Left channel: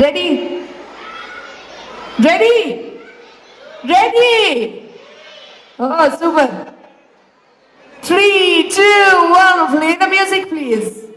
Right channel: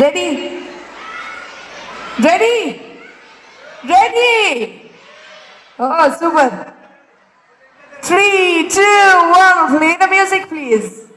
Ready? Ready? Ready? Oh, super. 3, 2, 1. Play the music, please.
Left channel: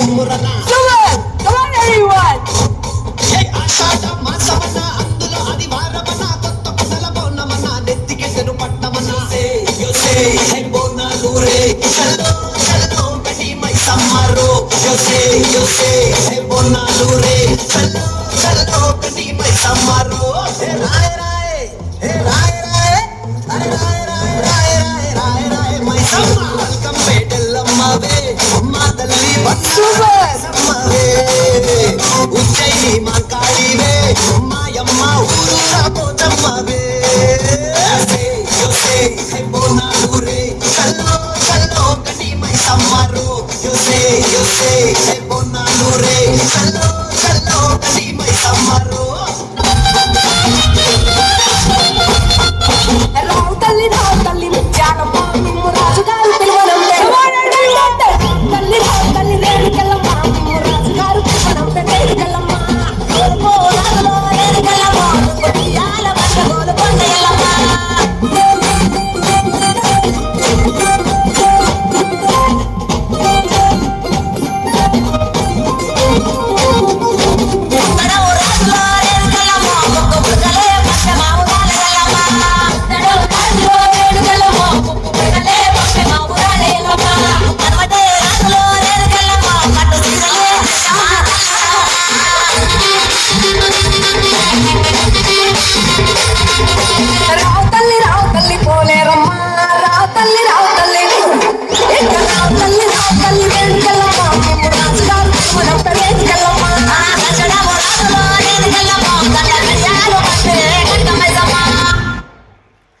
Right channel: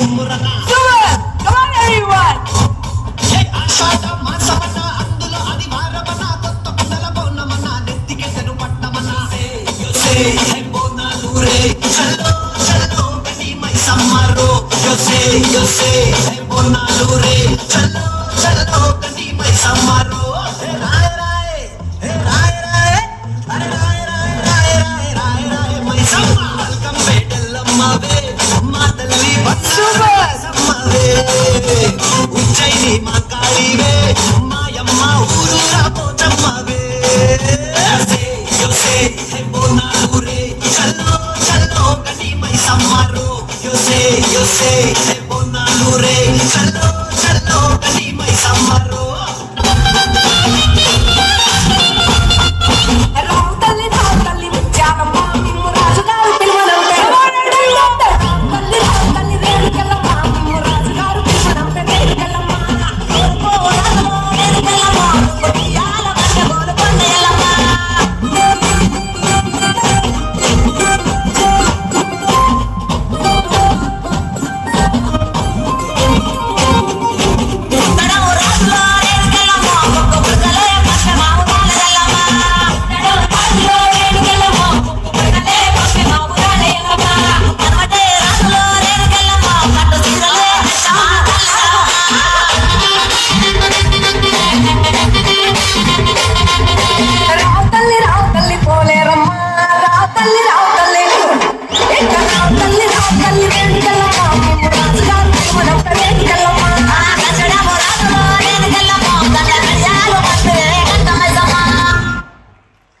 Para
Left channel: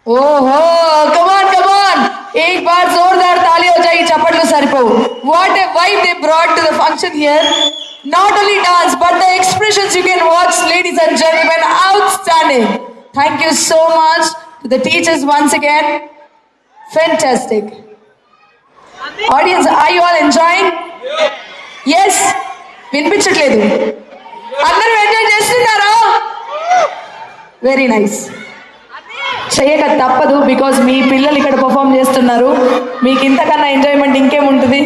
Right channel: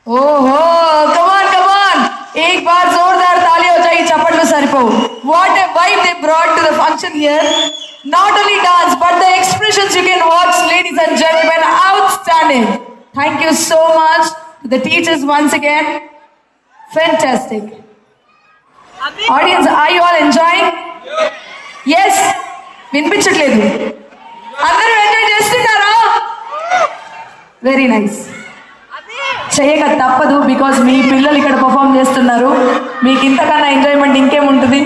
ఓహో కమాన్ एक बार जोरदार ताली हो जाएगी चपटलो सरिपो what a vibe they brought to the function here not only dance but the expressions you can watch ladies and gentlemen outstanding thank you so much to the teachers once again fantastic audience are you all enjoying yes వినిపించట్లేదు అందరూ enjoy చేస్తున్నారా very nice చేయక తప్పదు because మీ పిల్లలు ఇక్కడ perform చేస్తున్నారు మీకు ఇంతకన్నా ఎంజాయ్మెంట్ ఇంకేముంటుంది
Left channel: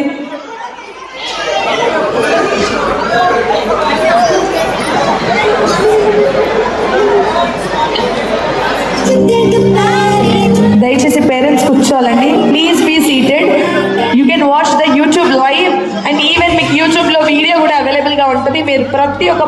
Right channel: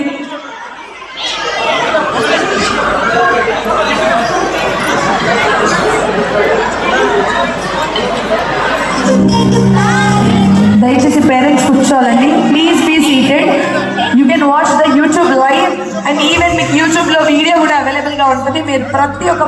దయచేసి పేరెంట్స్ కూర్చోవాలండి please be seated you can watch the YouTube live and even మీకు యూట్యూబ్లో వీడియో కూడా అవైలబుల్గా ఉంటుంది మీరు ప్రతి ఒక్క